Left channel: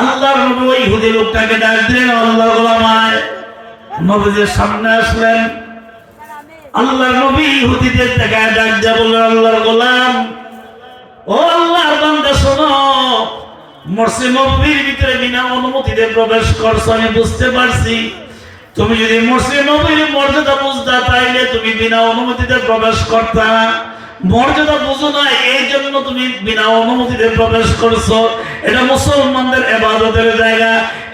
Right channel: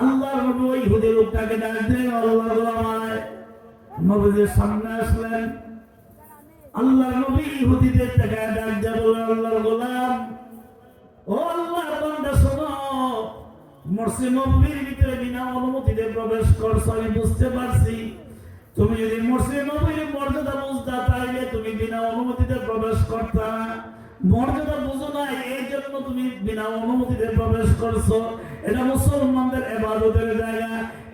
আল্লাহর নবী ওই ইহুদি লোকটাকে ডাক দিলেন, আল্লাহর গোলাম আয়। নবীজির সামনে আসলেন। আল্লাহর নবী ইহুদিদের তাকায় ডাক দিয়ে বললেন, আল্লাহর গোলাম, ও আল্লাহর বান্দা শোনো, মসজিদ নববীর ভিতরে বিনা অনুমতিতে প্রবেশ করছো, আমি বুঝতে পারছি। তুমি যদি মসজিদ নববীর মর্যাদা বুঝতা তাইলে তুমি বিনা অনুমতিতে প্রবেশ করতা। মর্যাদা বুঝো না, এই জন্য তুমি বিনা অনুমতিতে প্রবেশ করছো। এটা মুসলমানদের ইবাদতের জায়গা।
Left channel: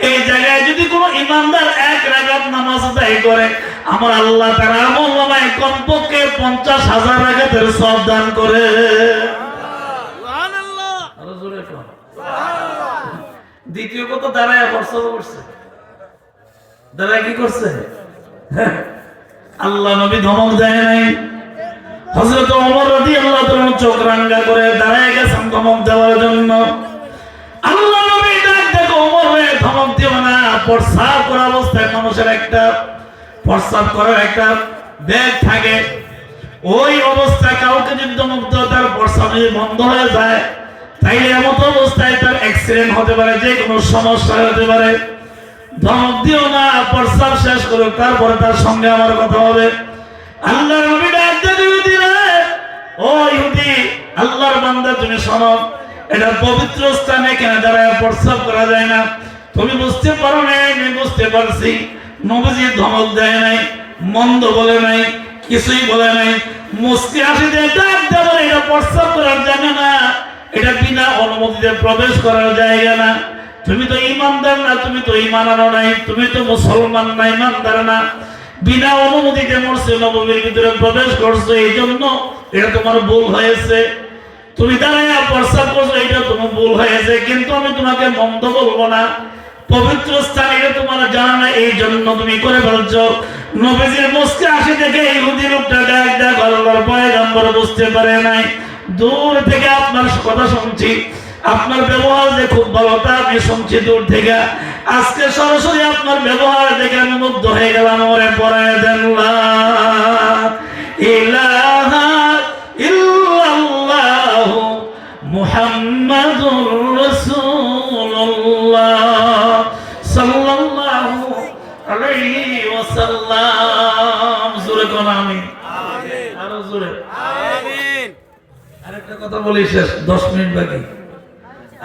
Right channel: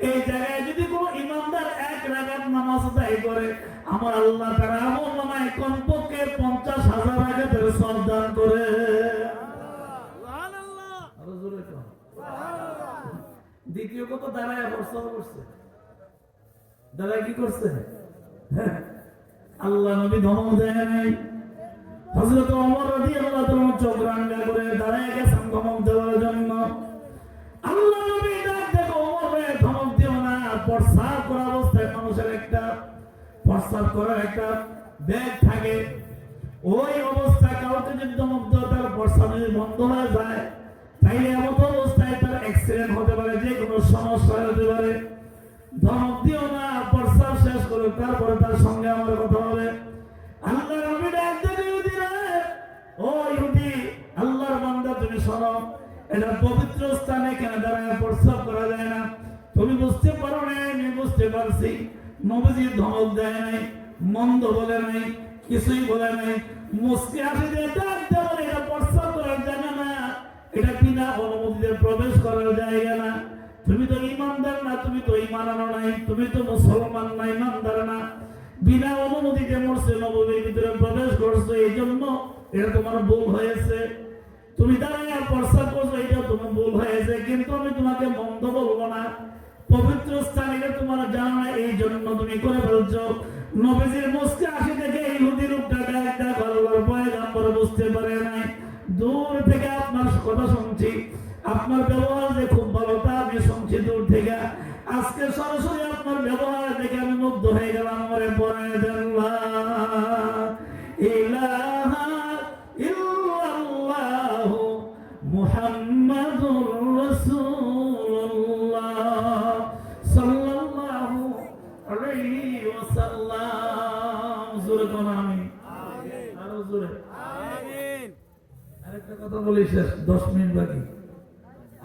এই জায়গায় যদি কোনো ইমানদার এক রাকাত নামাজ আদায় করে, আমার আল্লাহ তার আমলনামায় কমপক্ষে 50,000 রাকাতের সওয়াব দান করে। সুবহানাল্লাহ, আরো জোরে বলো সুবহানাল্লাহ। দ্বিতীয় কথা দাঁড়ায় বর্ষা করছে, দাঁড়ায় কি করছে? আল্লাহ নবী ধমক দেয় নাই। হযরত ওমর রাদিয়াল্লাহু তাআলা চোখ রাঙা করে দাঁড়ায় গেছেন ধমক দেওয়ার জন্য। আল্লাহ নবী ডাক দেখো, ওমর রে ধমক দিও না। প্রস্রাব করা অবস্থায় মানুষের একটা প্রস্রাব করার একটা ব্যাগ থাকে, ওই অবস্থায় কাউকে যদি ধমক দাও তার প্রস্রাব যদি বন্ধ হয়ে যায় তাইলে এমন অবস্থায় তার অ্যাক্সিডেন্ট হতে পারে, যে কোনো সমস্যা হতে পারে। ধমক দিও না, প্রস্রাব শেষ করো, তারপরে তার সঙ্গে আমার কথা হবে। আল্লাহর নবী ডাক দিয়ে ইহুদি রে, ও ইহুদি, আল্লাহর বান্দা তুমি শোনো, এটা পবিত্র স্থানে কেন দাঁড়ায় প্রস্রাব করা যায় না। তুমি বুঝতে পারো না, আমি বুঝতে পারছি। নবীজি ধমক দেয় নাই, মন্দ বলে নাই, কিছুই বলে নাই। মুস্তি হাসি দিয়ে ডাক দিয়ে বলে, এটা প্রস্রাব করার জায়গা না, এটা বিনা অনুমতিতে প্রবেশ করার জায়গা না। তুমি তো ইমানদার না, তুমি তো ঈমান আনো নাই, তুমি তো মুসলমান না, ইমানদার না। বিনা অনুমতিতে মসজিদ নববীর ভিতরে প্রবেশ করছো, এই জন্য এটা তোমার ভুল হয়েছে। তুমি দাঁড়ায় প্রস্রাব করছো, এটা তোমার ভুল হয়েছে, কিন্তু আমি তোমাকে মন্দ বলবো না। পবিত্র স্থান এটা তোমার জানা না, এই জন্য তুমি করে ফেলছো। নবীজির মুস্কি হাসি দেখে ইহুদি লোকটা ডাক ডাক আল্লাহর পয়গম্বর বুঝতে পারে নাই। দূর থেকে আপনার কথা শুনছি, আপনার ব্যবহার যে খুব ভালো তা আমি শুনছি দূর থেকে। আজকে সরাসরি আপনার ব্যবহার দেখে আমি মুগ্ধ হয়ে গেলাম। ওরে পড়ায় দেন লা ইলাহা ইল্লাল্লাহু মুহাম্মাদুর রাসূলুল্লাহ সাল্লাল্লাহু আলাইহি ওয়াসাল্লাম। জোরে কোন আমিন, আমিন, আরো জোরে আমিন। আরেকটা কথা বলি শেষ, 10 মিনিট বাকি।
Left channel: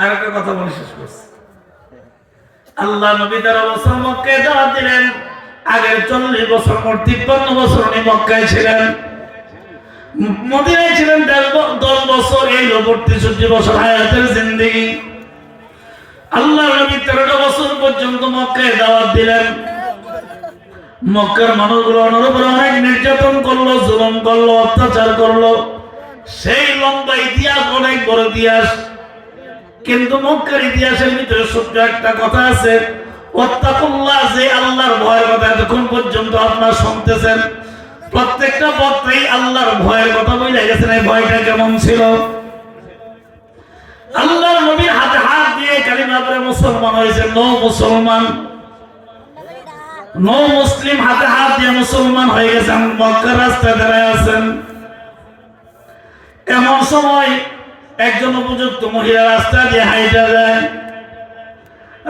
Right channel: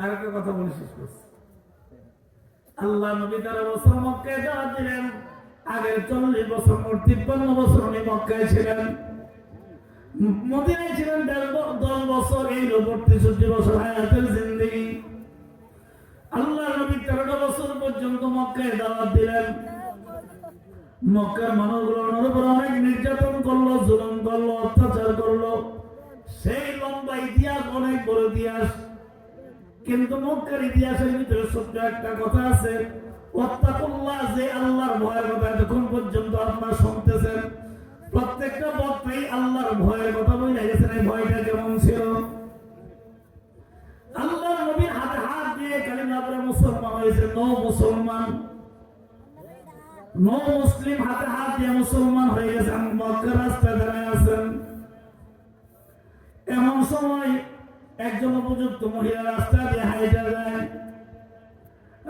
আরেকটা কথা বলে শেষ করছি। আল্লাহ নবী 13 বছর মক্কায় দাওয়াত দিলেন। আগের 40 বছর 53 বছর উনি মক্কায় ছিলেন, মদিনায় ছিলেন 10 বছর। এই 63 বছর হায়াতের জিন্দেগি। আল্লাহ নবী 13 বছর পর্যন্ত মক্কায় দাওয়াত দিলেন। মক্কার মানুষগুলো ওনার উপর অনেক নির্যাতন করলো, জুলুম করলো, অত্যাচার করলো। সেই লম্বা ইতিহাস, অনেক বড় ইতিহাস। কিন্তু মক্কার ইতিহাসের ভিতরে ছোট্ট একটা কথা আছে, ওয়াত্তাকুল্লাহ, যে আল্লাহর ভয়ের কথা এতক্ষণ পর্যন্ত আপনারা শুনতেছেন। প্রত্যেকটা বক্তাই আল্লাহর ভয়ের কথা বলে গেছেন। এই ভয়টা কেমন ছিল? আল্লাহর নবীর হাতে হাত দিয়ে কালিমা পড়ে মুসলমান হয়েছে। নো মুসলমান, নো মুসলিম, হাতে হাত দিয়ে মুসলমান হয়ে গেছেন। মক্কার রাস্তায় দাঁড়ায় আছেন। এমন সময় একজন উপযুক্ত মহিলা রাস্তা দিয়ে হাইটা যায়।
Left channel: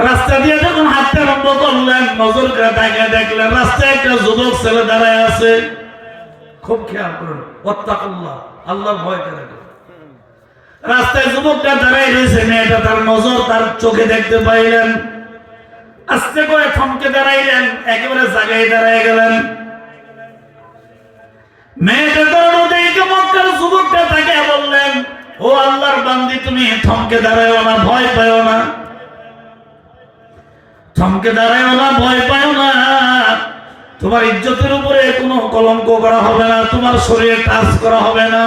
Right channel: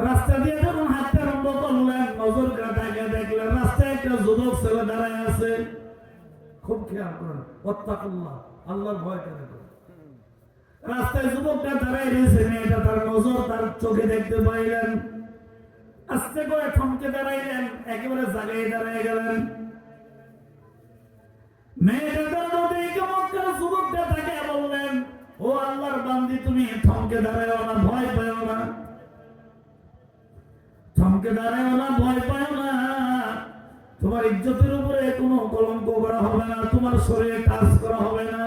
রাস্তা দিয়ে যখন হাঁটতে আরম্ভ করলেন, নজর করে তাকিয়ে দেখলেন রাস্তায় একটা যুবক ছেলে দাঁড়ায় আছে। খুব খেয়াল করুন, ওয়াত্তাকুল্লাহ, আল্লাহর ভয় করে। রাস্তায় যুবকটা দাঁড়ায় রয়েছে, মেয়েটা তার নজর তার চোখে দেখতে পাইলেন। আস্তে করে থমকে দাঁড়াইলেন, একেবারে জায়গায় দাঁড়ায় গেলেন। মেয়েটা দাঁড়ানো দেখে মক্কার যুবকটা তাকে বললেন, ও আল্লাহর বান্দি, তুমি থমকে দাঁড়ায়ও না, ভয় পাও না, থমকে দাঁড়ায়ও না, ভয় পাও না। তোমার ইজ্জতের উপরে কোনো কলঙ্ক করা হবে না, তোমার শরীরে টাচ করা হবে না,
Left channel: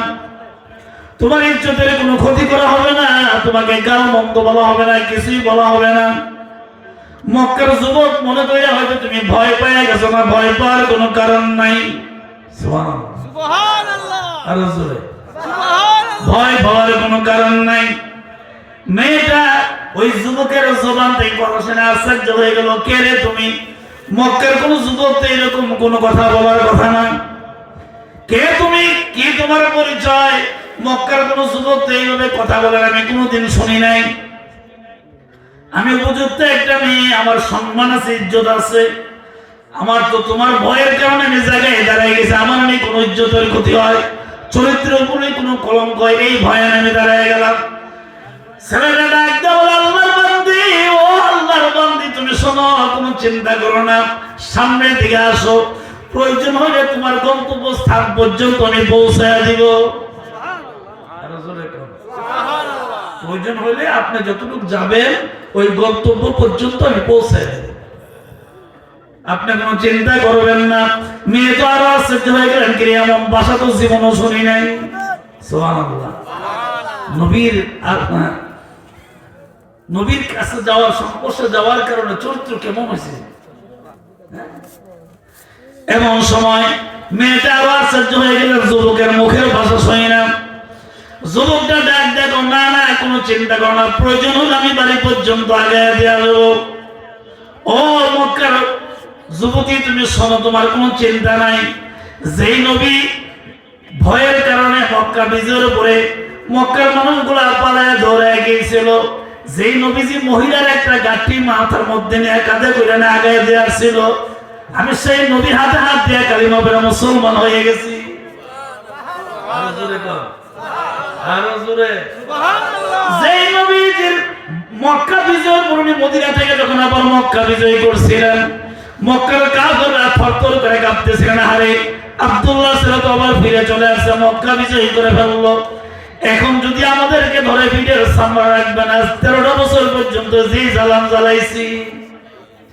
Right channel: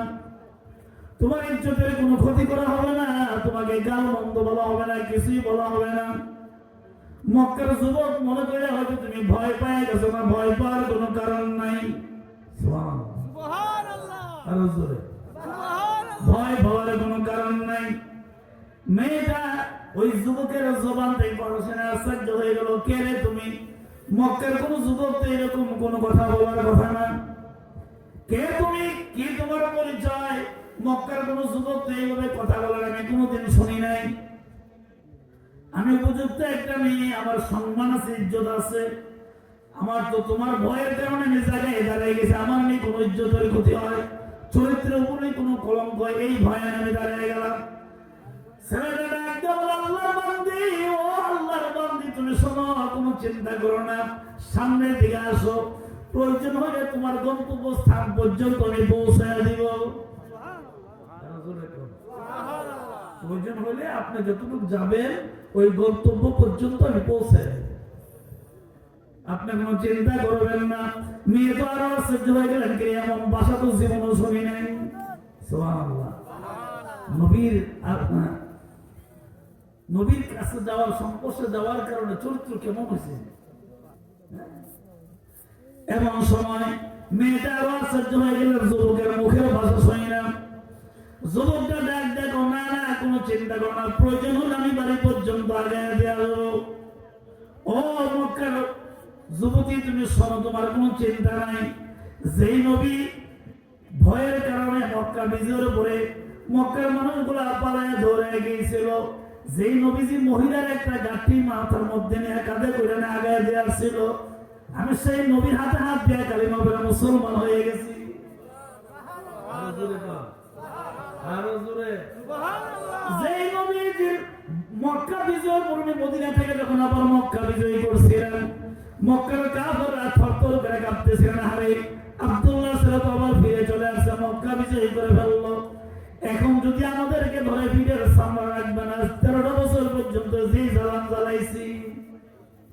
তোমার ইজ্জতের কোনো ক্ষতি করা হবে না, তোমাকে গাল মন্দ বলা হবে না, কিছুই বলা হবে না। মক্কার যুবক মনে করে হয়তো তুমি ভয় পেয়ে গেছো না, ভয় পাওয়ার কোনো কারণ নাই। সুবহানাল্লাহ, আরো জোরে সুবহানাল্লাহ। ভয় পাওয়ার কোনো কারণ নাই। মেয়েটা ওই যুবকের জবান থেকে পড়াশোনা আশ্চর্য হয়ে গেল, কে রে তুমি? মক্কার কোন যুবক তো এরকম কোনো কথা বলার কথা না। কে তুমি? কি তোমার পরিচয়? মক্কার কোন যুবক তো এইভাবে কথা বলার আমি কোনোদিন শুনি নাই। আমি উপযুক্ত একটা মেয়ে, আমার সম্মান আছে, ইজ্জত আছে, আমার তো তোমার ভয়ের কারণে আমি জায়গায় দাঁড়াই গেছি, আমার নেই কোনো ইজ্জতের ক্ষতি হয়, চরিত্রের উপরে কোনো কলঙ্ক হয়, এই ভয়ে আমি দাঁড়াই গেলাম। ছেলেটা ডাক দাও, আল্লাহর বান্দি, ও আল্লাহর বান্দি, তুমি শোনো, কোনো চিন্তা করো না, সামনের দিকে আসো, প্রয়োজন হলে তোমার গন্তব্য স্থান পর্যন্ত আমি পৌঁছায় দিব। প্রয়োজন হলে আপনি যতটুকু যাবেন ওই গন্তব্য পর্যন্ত আমি পৌঁছায় দেব, আপনি কোনো চিন্তা করবেন না। মেয়ে তো আরো আশ্চর্য হয়ে গেলেন, কি এমন ভাষা তো জীবনও শুনি নাই। সুবহানাল্লাহ। নবীর কাছে যাওয়ার, সংস্পর্শে যাওয়ার কারণে চরিত্র কেমন হয়েছে। এমন সময় মেয়েটা আরো আশ্চর্য হয়ে গেলেন, যুবকের মুখের ভাষা শুনি না। যুবকটা ডাক দেখো, না না কোনো চিন্তা করো না, প্রয়োজন হলে আমি বাড়ি পর্যন্ত আগে দিয়ে আসবো। ও মক্কার যুবতী, তুমি শোনো, তোমার কোনো চিন্তা নাই। যেই নবী ভয়ের কারণে মক্কা বিজয়ের উপরে মক্কার মানুষগুলা পালায় দৌড়ায় গিয়েছিল, যেই নবীজি মহিলার একটা গাঠি মাথার মধ্যে নিয়ে কাঁধে করে আগে দিয়ে আসছিল, আমি সেই নবীর হাতে হাত দিয়ে কালিমা পড়ে মুসলমান হয়ে গেছি। যেই নবীজির মক্কা বিজয়ের পূর্বে মদিনা থেকে যখন আবার মক্কা বিজয় করছিলেন, মক্কার কাফেররা থরথর করে কাঁপতেছিলেন, হারে আব্দুল্লাহ ছিল তো আবার ফিরে চলে আসছে, মক্কা বিজয় করে ফেললো, এখন যদি আমাদেরকে ধরে পিঠের সামনে রাখবে না, 13টা বছর পর্যন্ত যে জ্বালান জ্বালাইছি,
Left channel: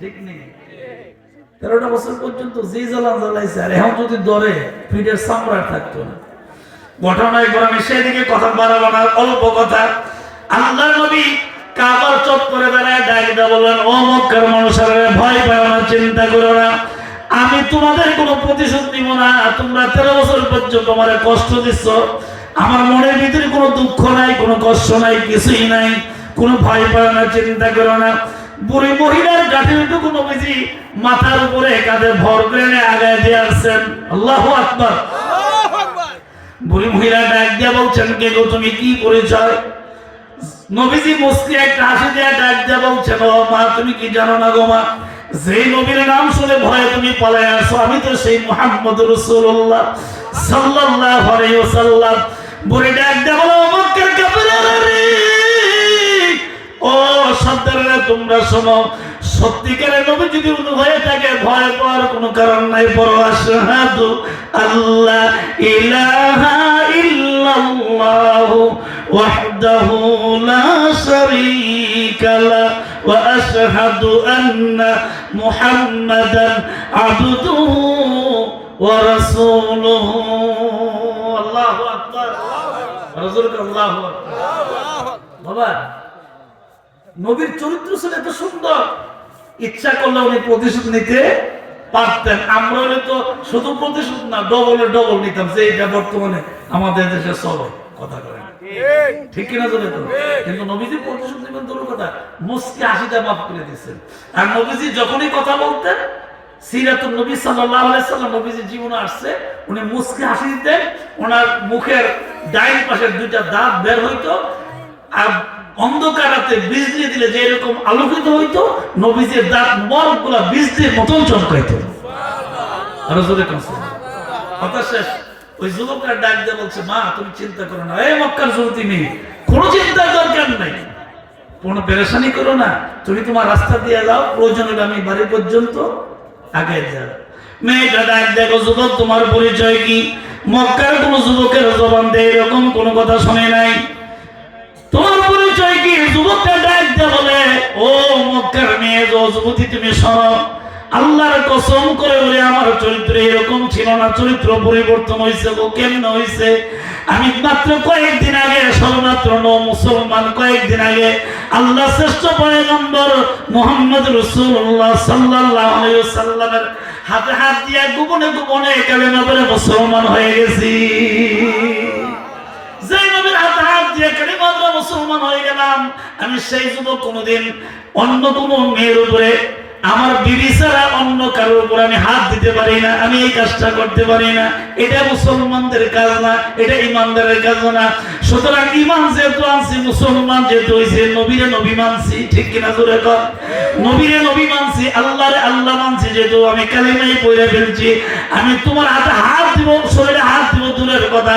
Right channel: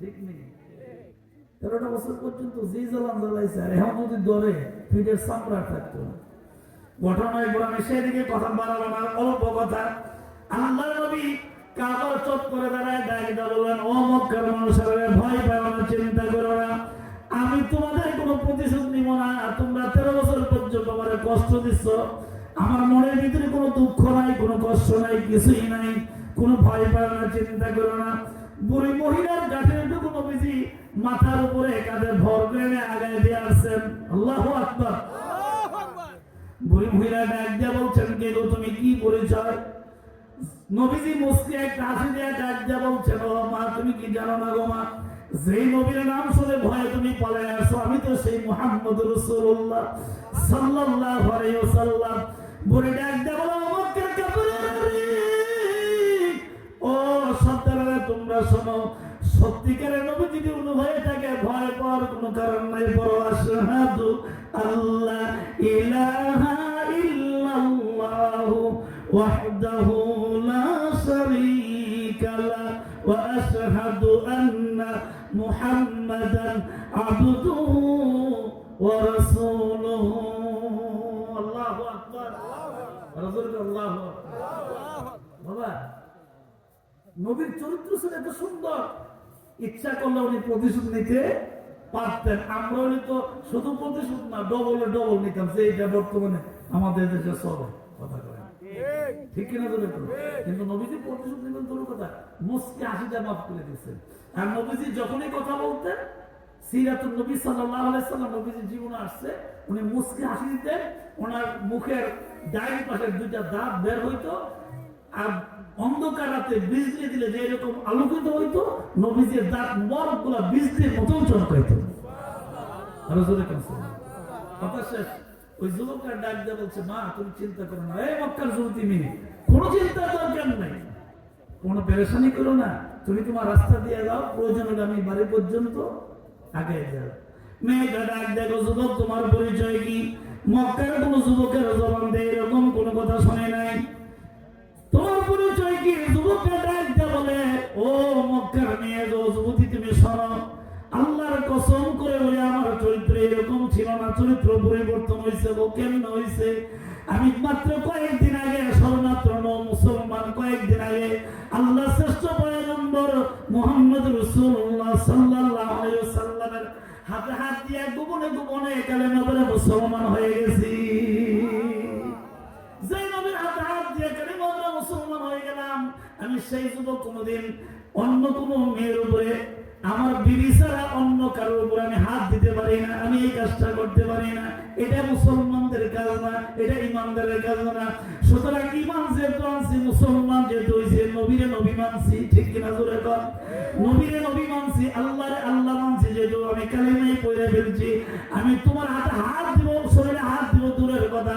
ঠিক নেই, 13টা বছর পর্যন্ত যে জ্বালান জ্বালাইছে, আর এখন যদি ধরে পিঠের সামনে থাকতো না। ঘটনায় করে আমি সেদিকে কথা বাড়াবো না, অল্প কথা। আল্লাহর নবী কাবার চত্বরে দাঁড়ায় ডাক দিয়ে বললেন, ও মক্কার মানুষেরা, ভয় পাও না, চিন্তা করো না, আমি তোমাদের কোনো প্রতিশোধ নিব না। তোমরা 13 বছর পর্যন্ত আমার কষ্ট দিচ্ছ, আমার মনের ভিতরে কোনো দুঃখ নাই, কোনো কষ্ট নাই, কিছুই নাই, কোনো ভয় পাও না, চিন্তা করো না। বুড়ি মহিলার গাঠিটুকু নবীজি মাথার উপরে কাঁধে ভর করে আগায় দিয়ে আসছেন। আল্লাহু আকবার। বুড়ি মহিলা ডাক দিয়া বলছেন, কে গো তুমি, কি পরিচয়? নবীজি মুস্কি একটা হাসি দিয়ে ডাক দিয়া বলছেন, ও মা, তুমি কি জানো না গো মা, যেই নবীর নাম শুনে ভয়ে তুমি পালায় আসো, আমি তো সেই মুহাম্মদ রাসূলুল্লাহ সাল্লাল্লাহু আলাইহি ওয়াসাল্লাম। বুড়ি ডাক দিয়া বলো, মক্কার কাফেররা রে, ও সর্দাররা, তোমরা শোনো, সত্যিকারের নবী যদি হয়ে থাকে, ভয় পাওয়ার কোনো কারণ নাই। বড় আশহাদু আল্লাহ ইলাহা ইল্লাল্লাহু ওয়াহদাহু লা শারীকা লাহু ওয়া আশহাদু আন্না মুহাম্মাদান আবদুহু ওয়া রাসূলুহু। আল্লাহু আকবার। আল্লাহু আকবার। বাবা, নবীর চরিত্র ছিল এত সুন্দর, ইচ্ছা করলে উনি প্রতিশোধ নিতে পারতেন। আমরা হলে তো শুধু প্রতিশোধ না, ডবল নিতাম, যে এটা বর্তমানে আমাদের দেশে চলে। কথা করেন ঠিক কিনা? চলে তো। কিন্তু নবীজি প্রতিশোধ নিবেন তোর কথা, মুস্কি হাসিটা মাফ করে দিচ্ছেন। আর নবীজি যখনই কথা বলতেন, সিরাতুন নবী সাল্লাল্লাহু আলাইহি সাল্লাম নবীজি জীবনে আসছে, উনি মুস্কি হাসি দিতেন, ওনার মুখের ডাইন পাশের দুইটা দাঁত বের হইতো, আর অন্ধকার রাতে বিজলি দিলে যে এরকম আলোকিত হইতো, নবীজির দাঁত মোবারকগুলা বিজলির মতন চমকাইতো। আরো জোরে কথা শেষ। ওই যুবকরা ডাক দিয়ে বলছে, মা তুমি চিন্তা করো না, এই মক্কার যুবতী মেয়ে, কোনো চিন্তার দরকার নাই, কোনো পেরেশানি করো না, তুমি তোমার রাস্তা দিয়ে যাও, প্রয়োজন হলে আমি বাড়ি পর্যন্ত আগে যাও। মেয়েটা ডাক দেখো, যুবক তোমার পরিচয় কি? মক্কার কোন যুবকের জবান দিয়ে এরকম কোনো কথা শুনে নাই, তোমার পরিচয় কি? যুবকটা ডাক দিয়ে বলে, ও মক্কার মেয়ে, যুবতী তুমি শোনো, আল্লাহর কসম করে বলে আমার চরিত্র এরকম ছিল না, চরিত্র পরিবর্তন হয়েছে। গো কেমন হয়েছে? আমি মাত্র কয়েকদিন আগে, সর্বমাত্র মুসলমান, কয়েকদিন আগে আল্লাহ শ্রেষ্ঠ পয়গম্বর মুহাম্মদ রাসূলুল্লাহ সাল্লাল্লাহু আলাইহি ওয়াসাল্লামের হাতে হাত দিয়ে গোপনে গোপনে কালেমা পড়ে মুসলমান হয়ে গেছি। যে নবীর হাতে হাত দিয়ে কালেমা পড়ে মুসলমান হয়ে গেলাম, আমি সেই যুবক কোনোদিন অন্য কোনো মেয়ের উপরে আমার বিবি ছাড়া অন্য কারোর উপর আমি হাত দিতে পারি না, আমি এই কাজটা করতে পারি না। এটা মুসলমানদের কাজ না, এটা ইমানদারের কাজ না। সুতরাং ইমান যেহেতু আনছি, মুসলমান যেহেতু হয়েছে, নবীরে নবী মানছি, ঠিক কিনা জোরে কর? নবীরে নবী মানছি, আল্লাহরে আল্লাহ মানছি, যেহেতু আমি কালিমাই পড়ে ফেলছি, আমি তোমার হাতে হাত দিব, শরীরে হাত দিব দূরের কথা,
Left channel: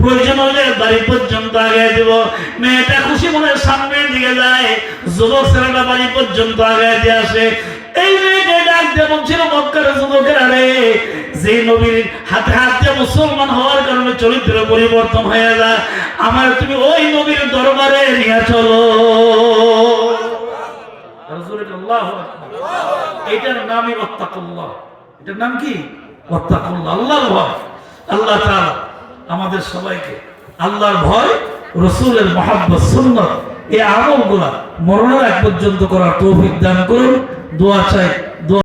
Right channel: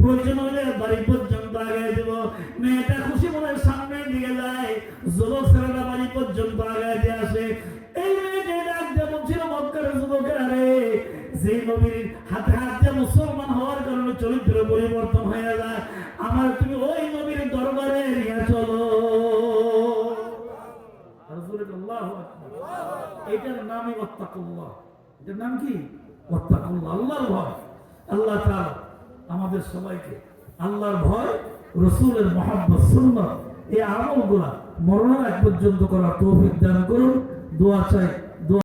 প্রয়োজন হলে বাড়ি পর্যন্ত আগে দিব। মেয়েটা খুশি মনে সামনের দিকে যায়, যুবক ছেলেটা বাড়ি পর্যন্ত আগে দিয়ে আসে। এই মেয়েকে ডাক দিয়ে বলছিল, মক্কার যুবকেরা রে, যে নবীর হাতে হাত দিয়ে মুসলমান হওয়ার কারণে চরিত্র পরিবর্তন হয়ে যায়, আমার তুমি ওই নবীর দরবারে নিয়ে চলো। এটার নামই ওয়াত্তাকুল্লাহ। এটার নাম কি? ওয়াত্তাকুল্লাহ, আল্লাহর ভয়। আল্লাহ তাআলা আমাদের সবাইকে আল্লাহর ভয়, রাসূলের মুহাব্বত, সুন্নাত, এই আমলগুলা মরণের আগ পর্যন্ত করার তৌফিক দান করুন। দোয়া চাই